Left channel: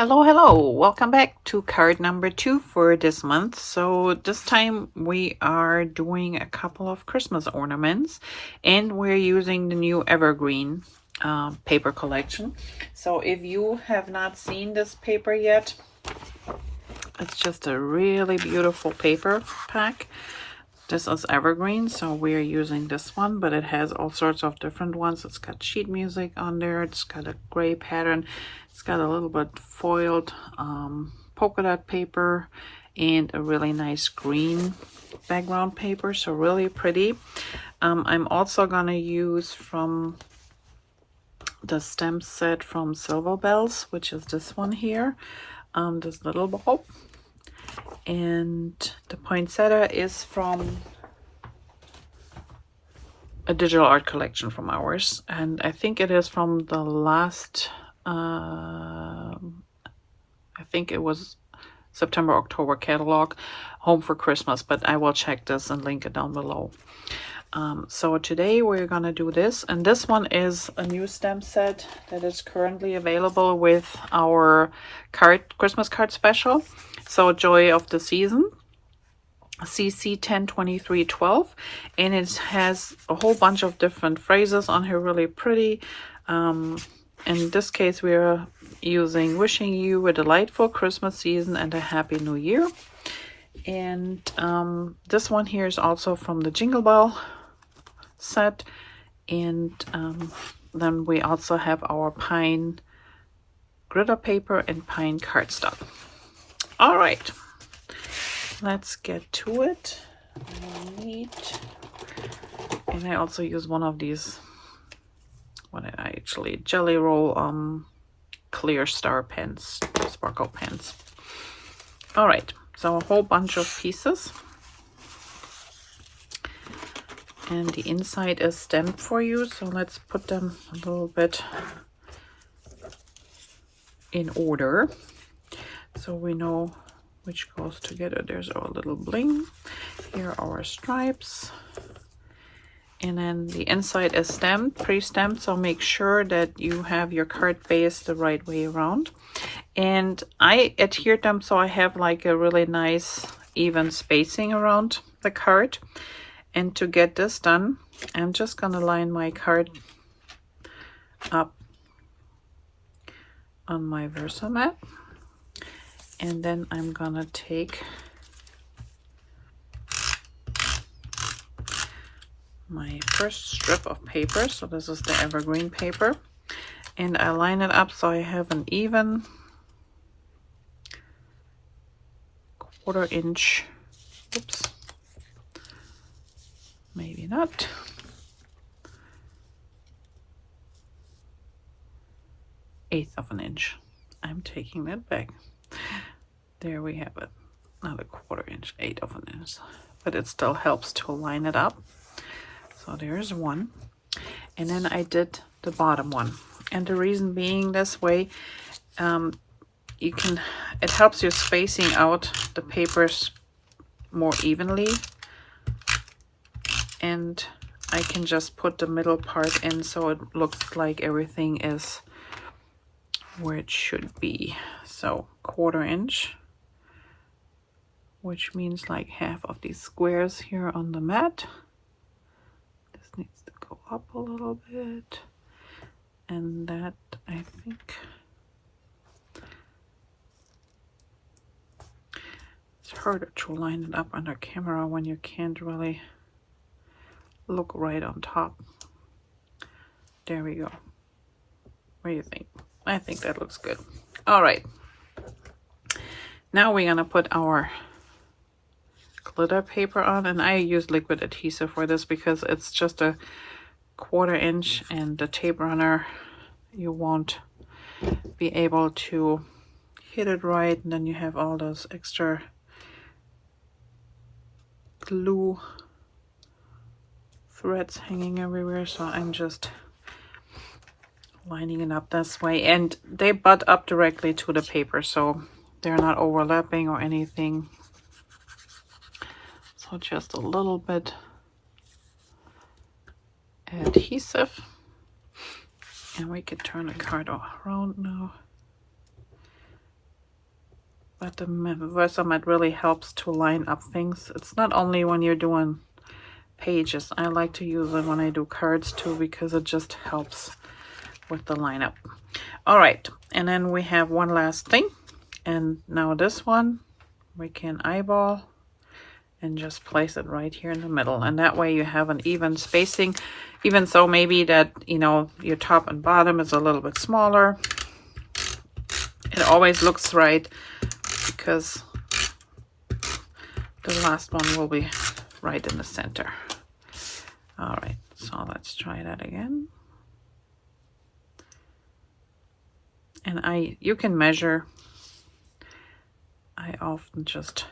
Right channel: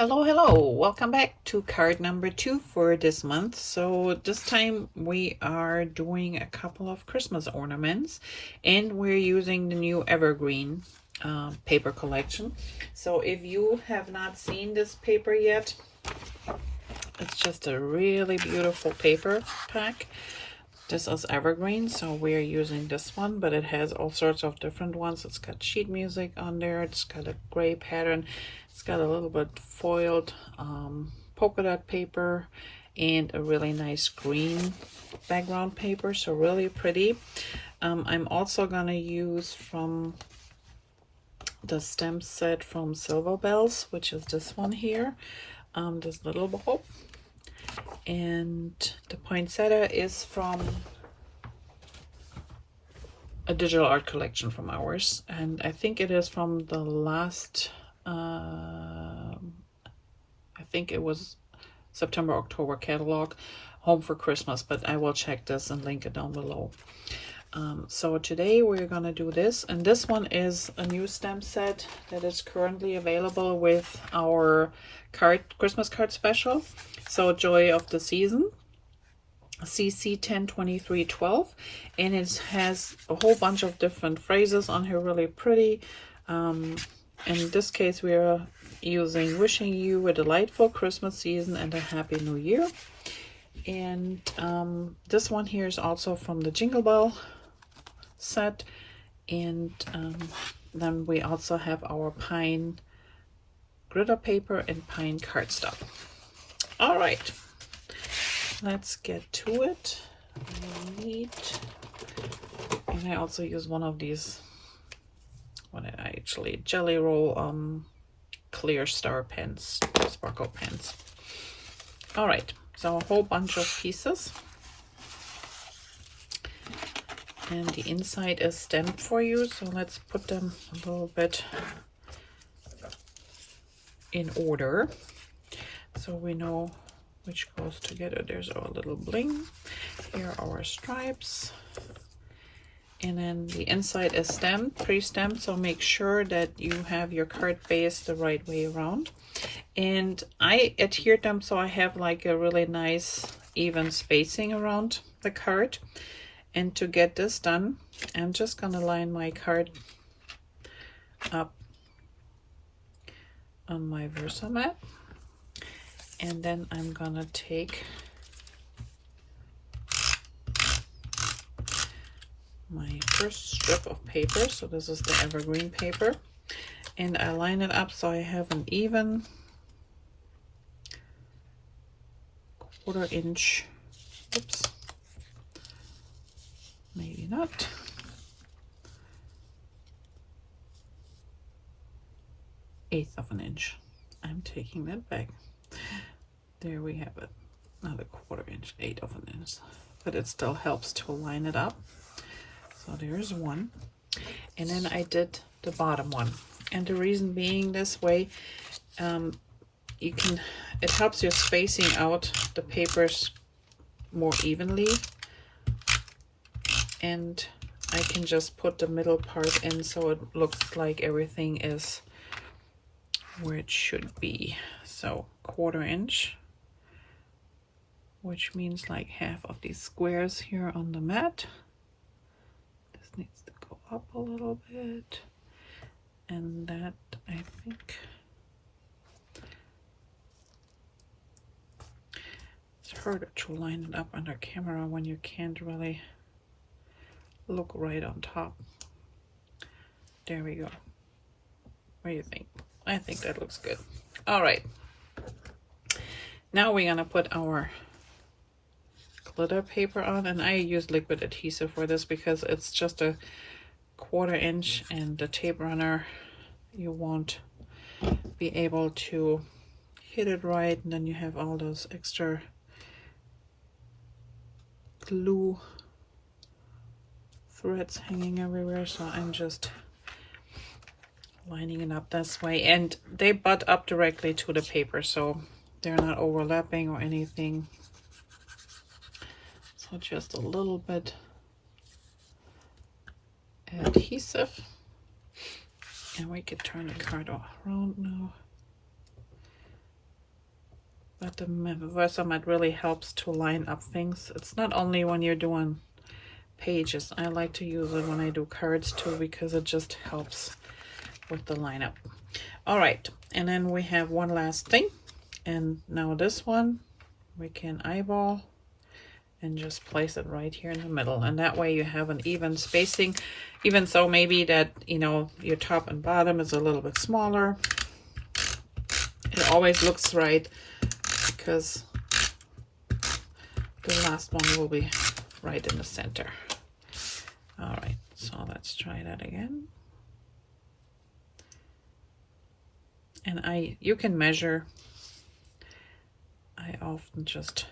Hello, welcome back to card number 2 for this month. So this time we are doing a couple of Christmas ornaments and we're using the new Evergreen paper collection. So if you have not seen this paper yet, it's just a really beautiful paper pack. This is Evergreen, so we're using this one, but it has all sorts of different ones. It's got sheet music on there. It's got a gray pattern. It's got a little bit foiled polka dot paper and a really nice green background paper, so really pretty. I'm also gonna use from the stamp set from Silver Bells, which is this one here, this little ball. And the poinsettia is from a digital art collection from ours, and I think it is from the last I think it was September October catalog, Home for Christmas, but I will check this and link it down below. So today we're gonna do this, and this one is a new stamp set that is currently available with our Christmas card special. So Joy of the Season, CC 102312, and it has a whole bunch of different phrases on here, really pretty. In this case we are using wishing you a delightful Christmas season and a happy new year. And this one here is also from the Jingle Bell set, and then we also have our pine glitter paper and pine cardstock. All right, let's get to it. And I also use one of these, what did I actually, Jelly Roll clear star pens, sparkle pens. All right, so a whole bunch of pieces, and the inside is stamped for you, so let's put them a little bit in order so we know which goes together. There's our little bling, here are our stripes, and then the inside is stamped, pre-stamped, so make sure that you have your card base the right way around. And I adhered them so I have like a really nice even spacing around the card. And to get this done, I'm just gonna line my card up on my Versa mat, and then I'm gonna take my first strip of paper, so this is the Evergreen paper, and I line it up so I have an even 1/4 inch, oops, maybe not, eighth of an inch. I'm taking that back. There we have it, not a 1/4 inch, 1/8 of an inch, but it still helps to line it up. So there's one, and then I did the bottom one, and the reason being this way, it helps you spacing out the papers more evenly, and I can just put the middle part in so it looks like everything is where it should be. So 1/4 inch, which means like half of these squares here on the mat. This needs to go up a little bit, and that, I think, it's harder to line it up under camera when you can't really look right on top. There we go. What do you think? I think that looks good. All right, now we're gonna put our glitter paper on, and I use liquid adhesive for this because it's just a 1/4 inch, and the tape runner, you won't be able to hit it right, and then you have all those extra glue threads hanging everywhere. So I'm just lining it up this way, and they butt up directly to the paper, so they're not overlapping or anything. So just a little bit adhesive, and we could turn the card around now. but the Versamat really helps to line up things. It's not only when you're doing pages. I like to use it when I do cards too, because it just helps with the lineup. All right, and then we have one last thing, and now this one we can eyeball and just place it right here in the middle, and that way you have an even spacing. Even so, maybe that, you know, your top and bottom is a little bit smaller. It always looks right because the last one will be right in the center. All right, so let's try that again. And you can measure. I often just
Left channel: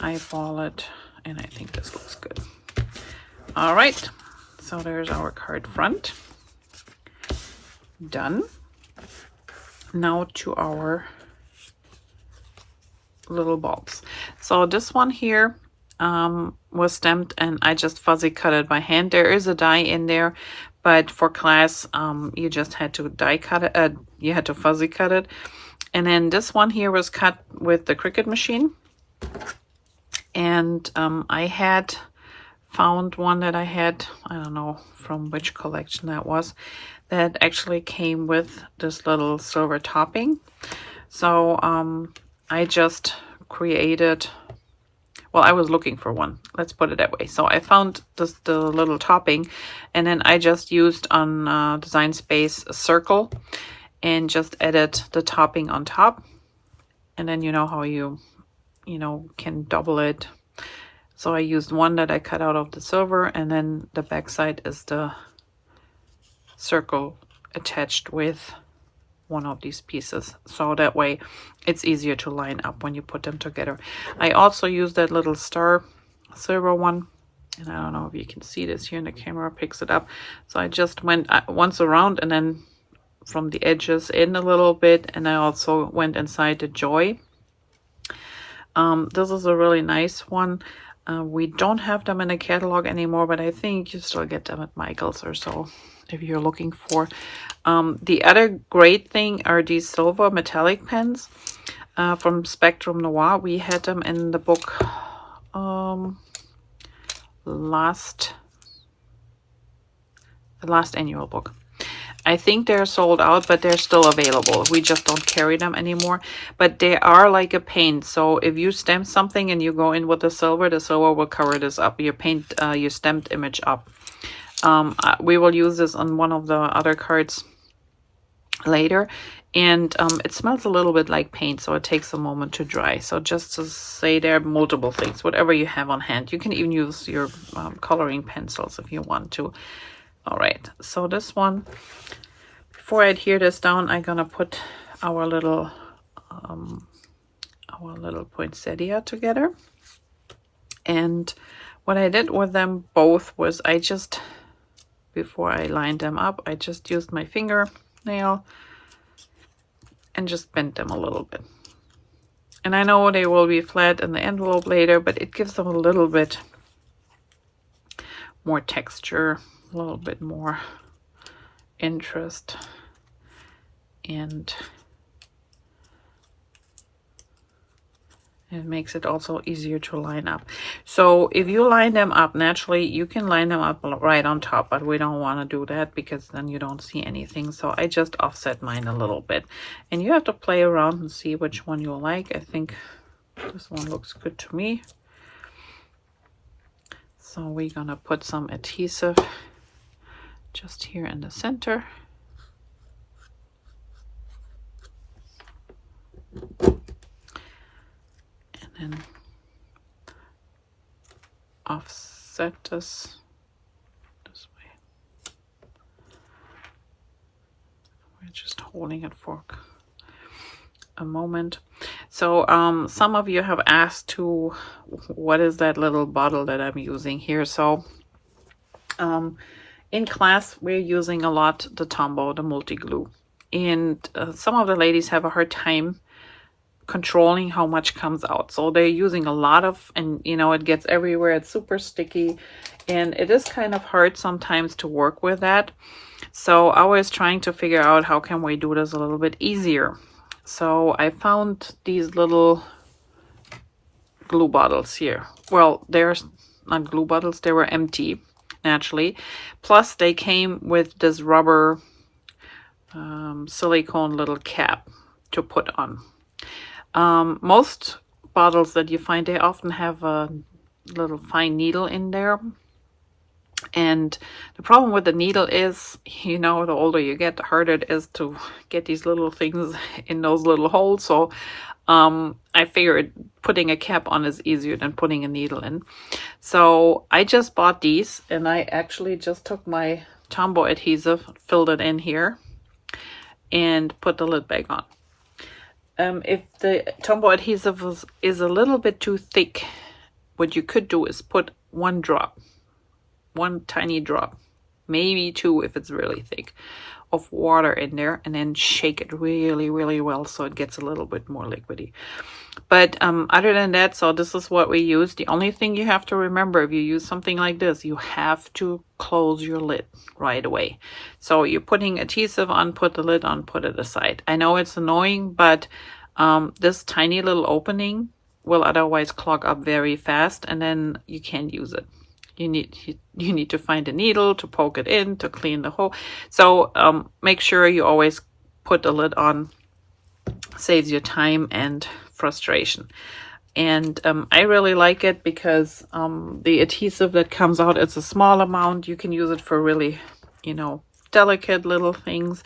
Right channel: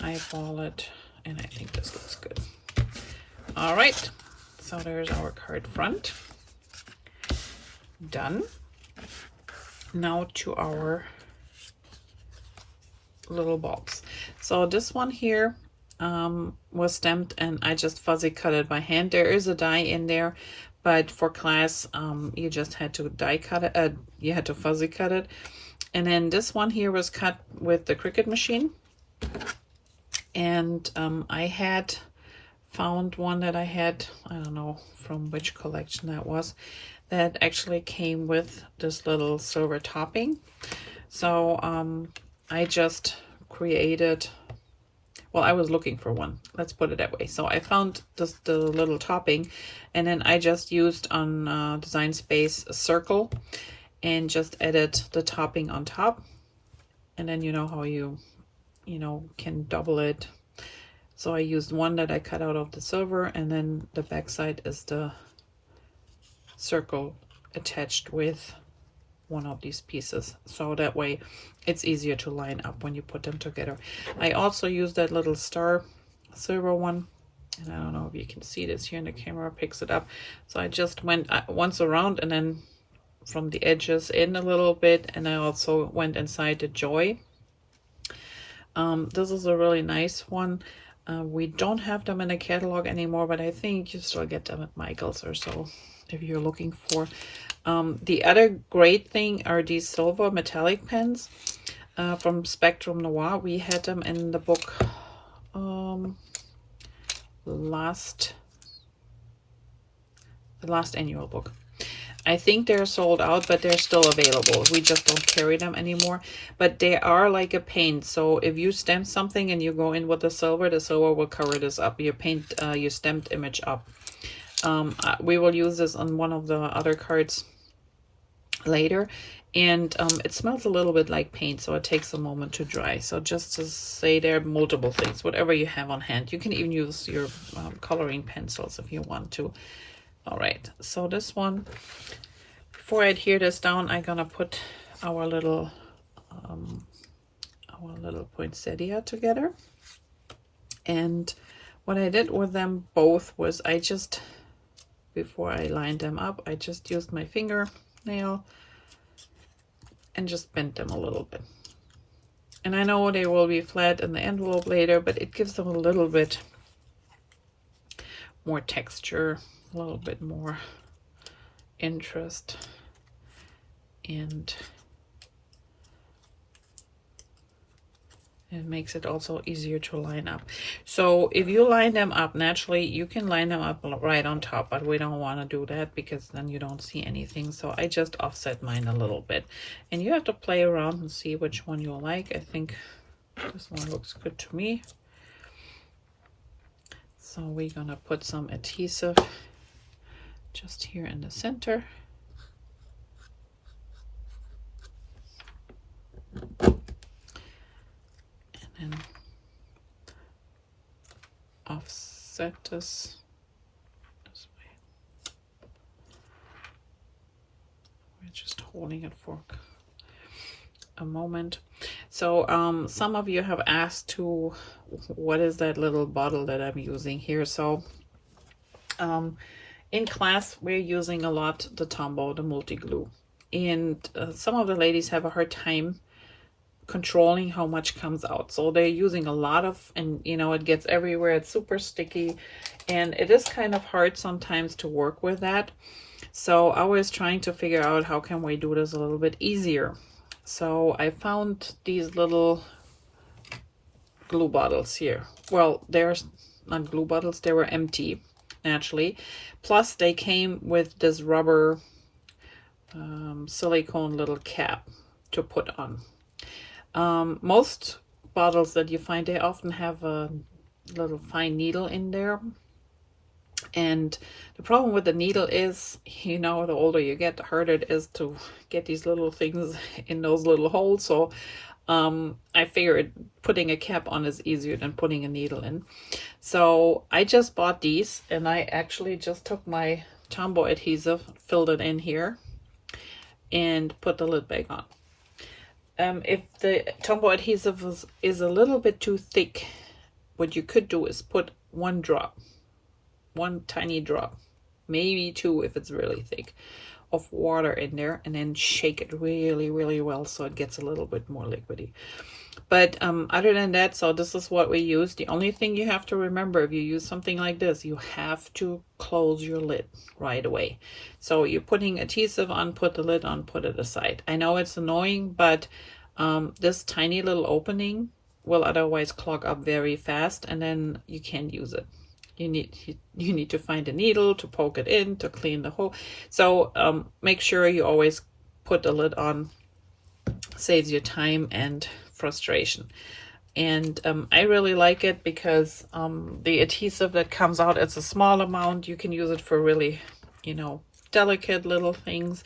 eyeball it, and I think this looks good. All right, so there's our card front. Done. Now to our little bulbs. So this one here was stamped, and I just fuzzy cut it by hand. There is a die in there, but for class you just had to die cut it. You had to fuzzy cut it. And then this one here was cut with the Cricut machine, and I had found one that I had, I don't know from which collection that was, that actually came with this little silver topping. So I just created, well, I was looking for one, let's put it that way. So I found the little topping, and then I just used on Design Space a circle and just added the topping on top. And then you know how you can double it. So I used one that I cut out of the silver, and then the back side is the circle attached with one of these pieces. So that way it's easier to line up when you put them together. I also used that little star silver one, and I don't know if you can see this here in the camera, picks it up. So I just went once around, and then from the edges in a little bit, and I also went inside the joy. This is a really nice one. We don't have them in the catalog anymore, but I think you still get them at Michael's or so if you're looking for. The other great thing are these silver metallic pens from Spectrum Noir. We had them in the book the last annual book. I think they're sold out, but they're still available. We just don't carry them anymore. But they are like a paint. So if you stamp something and you go in with the silver will cover this up. You paint your stamped image up. We will use this on one of the other cards later. And it smells a little bit like paint, so it takes a moment to dry. So just to say, there are multiple things, whatever you have on hand. You can even use your coloring pencils if you want to. All right, so this one, before I adhere this down, I'm gonna put our little poinsettia together. And what I did with them both was before I lined them up, I just used my fingernail and just bent them a little bit. And I know they will be flat in the envelope later, but it gives them a little bit more texture, a little bit more interest, and it makes it also easier to line up. So if you line them up naturally, you can line them up right on top, but we don't want to do that because then you don't see anything. So I just offset mine a little bit, and you have to play around and see which one you like. I think this one looks good to me. So we're gonna put some adhesive just here in the center. And then offset this way. We're just holding it for a moment. So some of you have asked what is that little bottle that I'm using here. So in class we're using a lot the Tombow, the multi-glue, and some of the ladies have a hard time controlling how much comes out, so they're using a lot of, and it gets everywhere. It's super sticky, and it is kind of hard sometimes to work with that. So I was trying to figure out how can we do this a little bit easier. So I found these little glue bottles here. Well, they're not glue bottles, they were empty naturally. Plus they came with this rubber silicone little cap to put on. Most bottles that you find, they often have a little fine needle in there. And the problem with the needle is, you know, the older you get, the harder it is to get these little things in those little holes. So I figured putting a cap on is easier than putting a needle in. So I just bought these, and I actually just took my Tombow adhesive, filled it in here, and put the lid back on. If the Tombow adhesive is a little bit too thick, what you could do is put one tiny drop, maybe two if it's really thick, of water in there, and then shake it really, really well so it gets a little bit more liquidy. But other than that, so this is what we use. The only thing you have to remember, if you use something like this, you have to close your lid right away. So you're putting adhesive on, put the lid on, put it aside. I know it's annoying, but this tiny little opening will otherwise clog up very fast, and then you can't use it. You need to find a needle to poke it in to clean the hole. So make sure you always put the lid on. Saves you time and frustration. And I really like it because the adhesive that comes out, it's a small amount. You can use it for really, you know, delicate little things.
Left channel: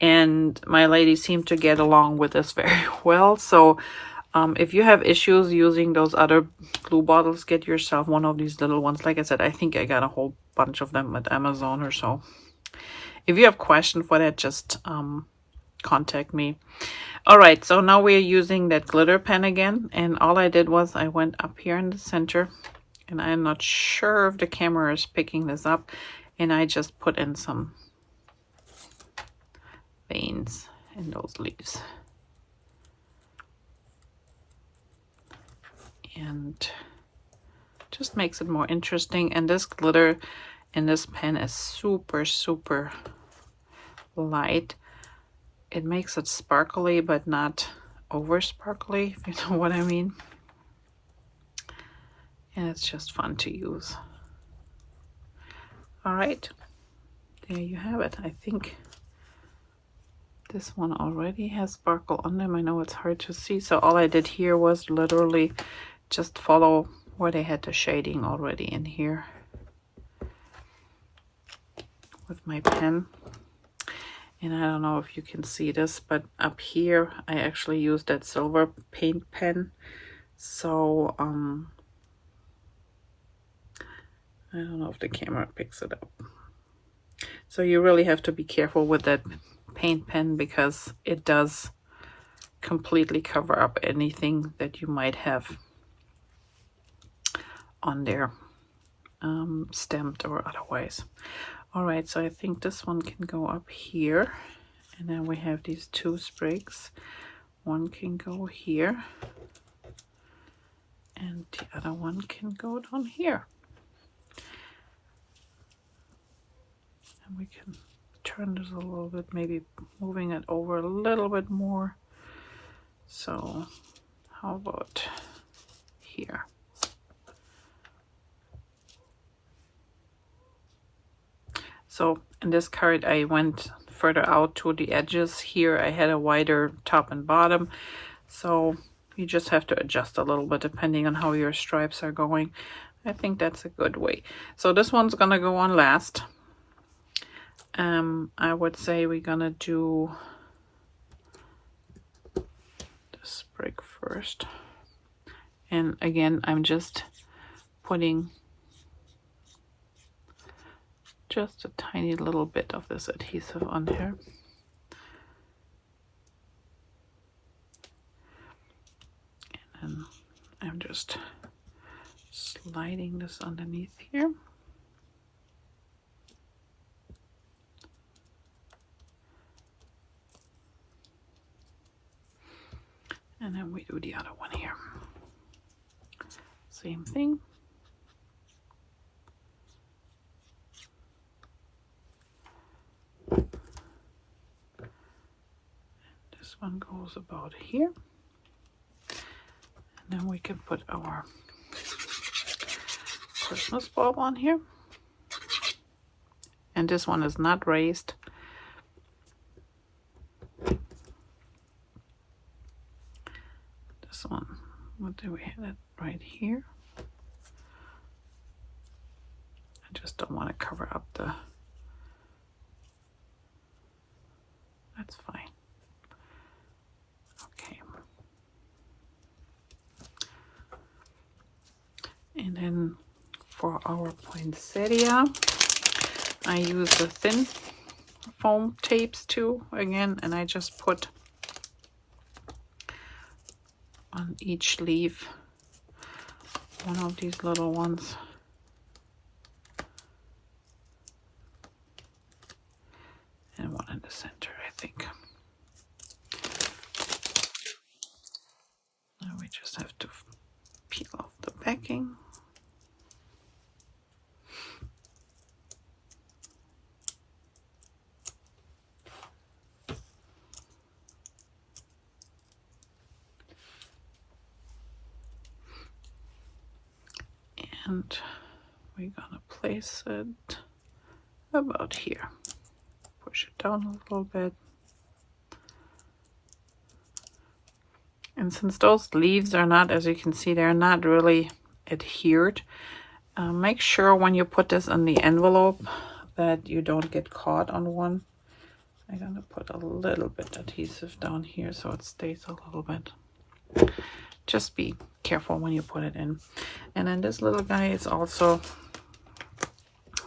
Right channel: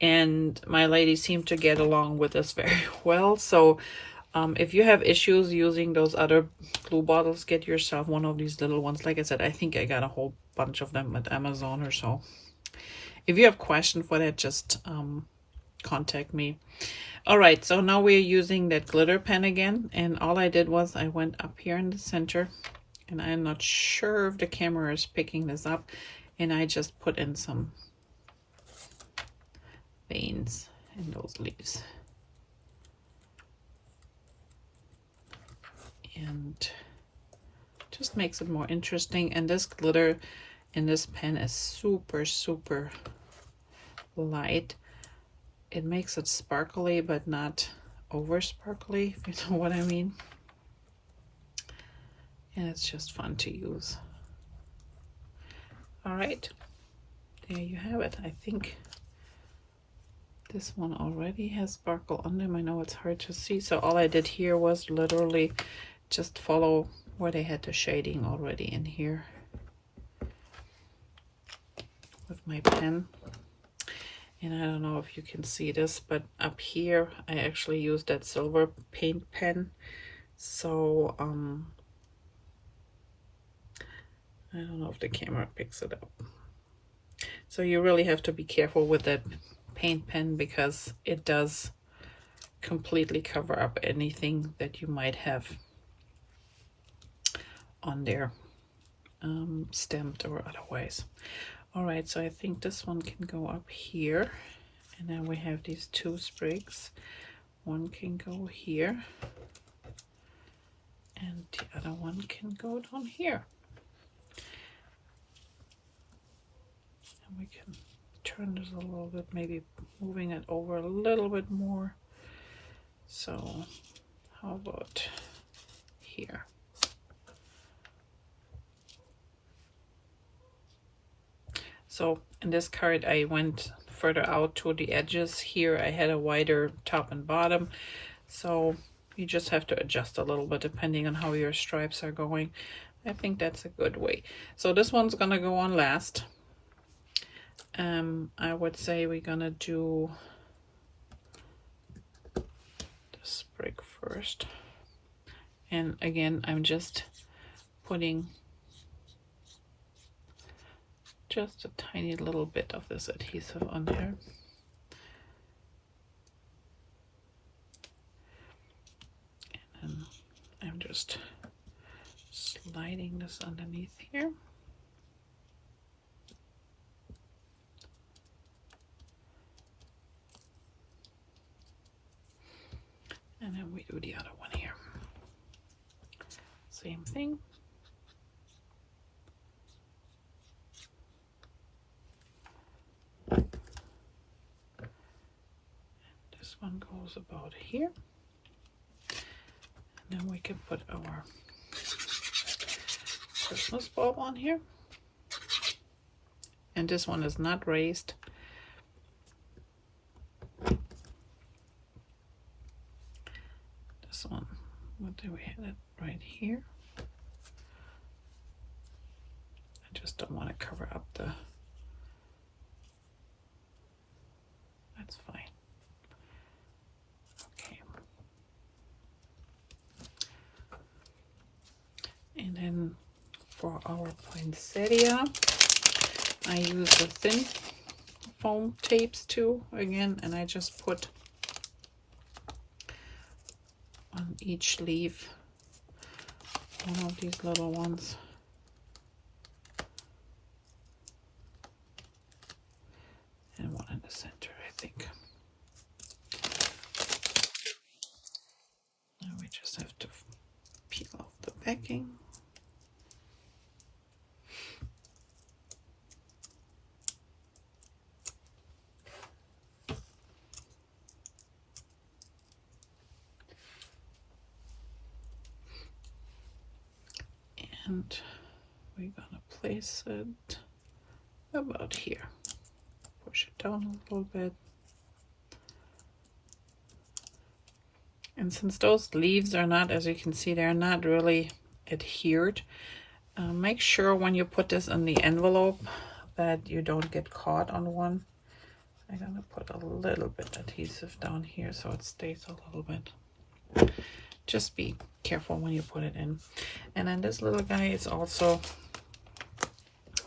And my ladies seem to get along with this very well. So if you have issues using those other glue bottles, get yourself one of these little ones. Like I said, I think I got a whole bunch of them at Amazon or so. If you have questions for that, just contact me. All right, so now we're using that glitter pen again, and all I did was I went up here in the center, and I'm not sure if the camera is picking this up, and I just put in some veins in those leaves. And just makes it more interesting. And this glitter in this pen is super, super light. It makes it sparkly, but not over sparkly, if you know what I mean. And it's just fun to use. All right, there you have it. I think this one already has sparkle on them. I know it's hard to see, so all I did here was literally just follow where they had the shading already in here with my pen. And I don't know if you can see this, but up here I actually used that silver paint pen. So I don't know if the camera picks it up. So you really have to be careful with that paint pen because it does completely cover up anything that you might have on there, stamped or otherwise. All right, so I think this one can go up here, and then we have these two sprigs. One can go here, and the other one can go down here. And we can turn this a little bit, maybe moving it over a little bit more. So how about here? So in this card, I went further out to the edges. Here I had a wider top and bottom. So you just have to adjust a little bit depending on how your stripes are going. I think that's a good way. So this one's gonna go on last. I would say we're gonna do the sprig first. And again, I'm just putting just a tiny little bit of this adhesive on there. And I'm just sliding this underneath here. And then we do the other one here. Same thing. This one goes goes about here. And then we can put our Christmas bulb on here. And this one is not raised. This one, what do we have it right here? I just don't want to cover up the, that's fine. Okay. And then for our poinsettia, I use the thin foam tapes too, again, and I just put on each leaf one of these little ones. And one in the center, I think. Now we just have to peel off the backing. And we're gonna place it about here. Push it down a little bit. And since those leaves are not, as you can see, they're not really adhered, make sure when you put this in the envelope that you don't get caught on one. I'm gonna put a little bit adhesive down here so it stays a little bit. Just be careful when you put it in. And then this little guy is also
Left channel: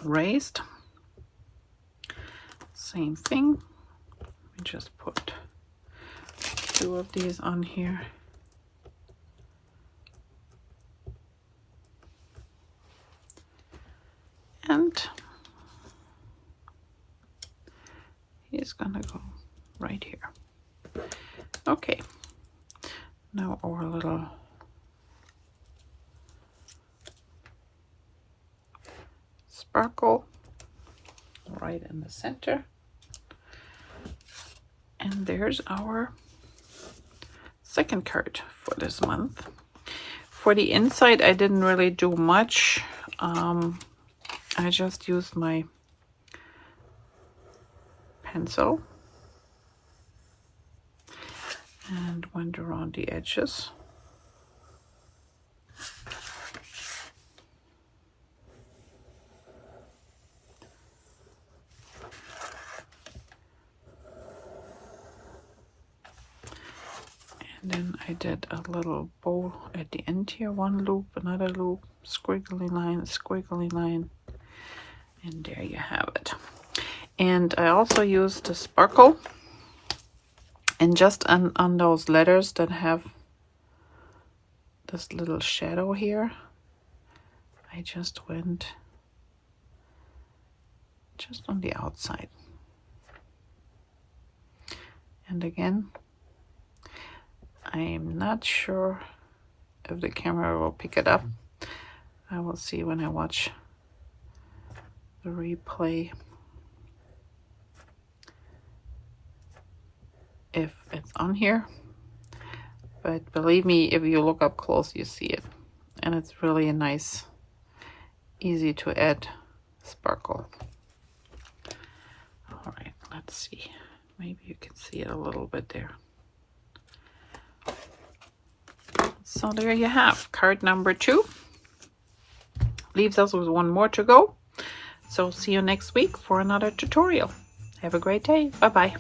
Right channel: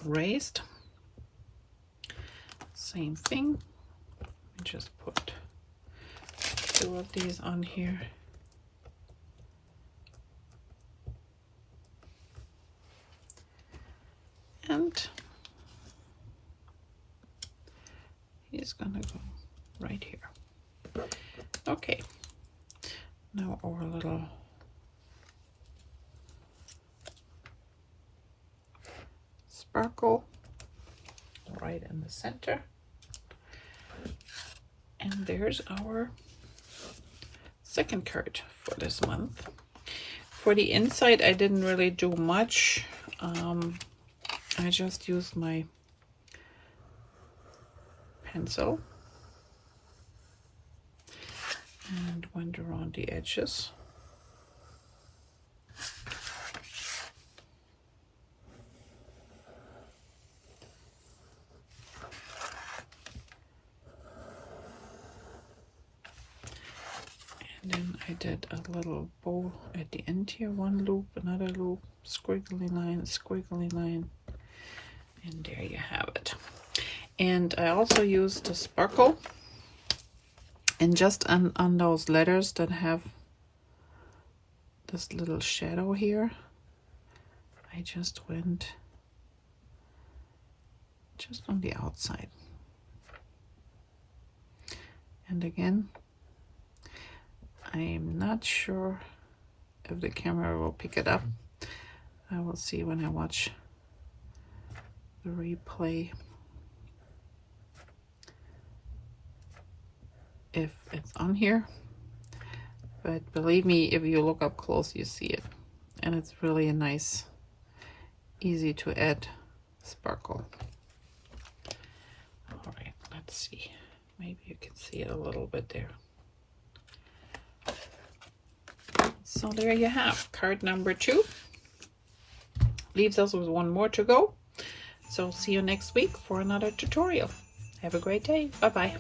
raised. Same thing. We just put 2 of these on here. And he's gonna go right here. Okay. Now our little sparkle right in the center. And there's our second card for this month. For the inside, I didn't really do much. I just used my pencil and went around the edges. And then I did a little bow at the end here, one loop, another loop, squiggly line, and there you have it. And I also used the sparkle, and just on those letters that have this little shadow here, I just went just on the outside. And again, I'm not sure if the camera will pick it up. I will see when I watch the replay if it's on here. But believe me, if you look up close, you see it. And it's really a nice, easy to add sparkle. All right, let's see. Maybe you can see it a little bit there. So there you have card number 2. Leaves us with 1 more to go. So see you next week for another tutorial. Have a great day. Bye-bye.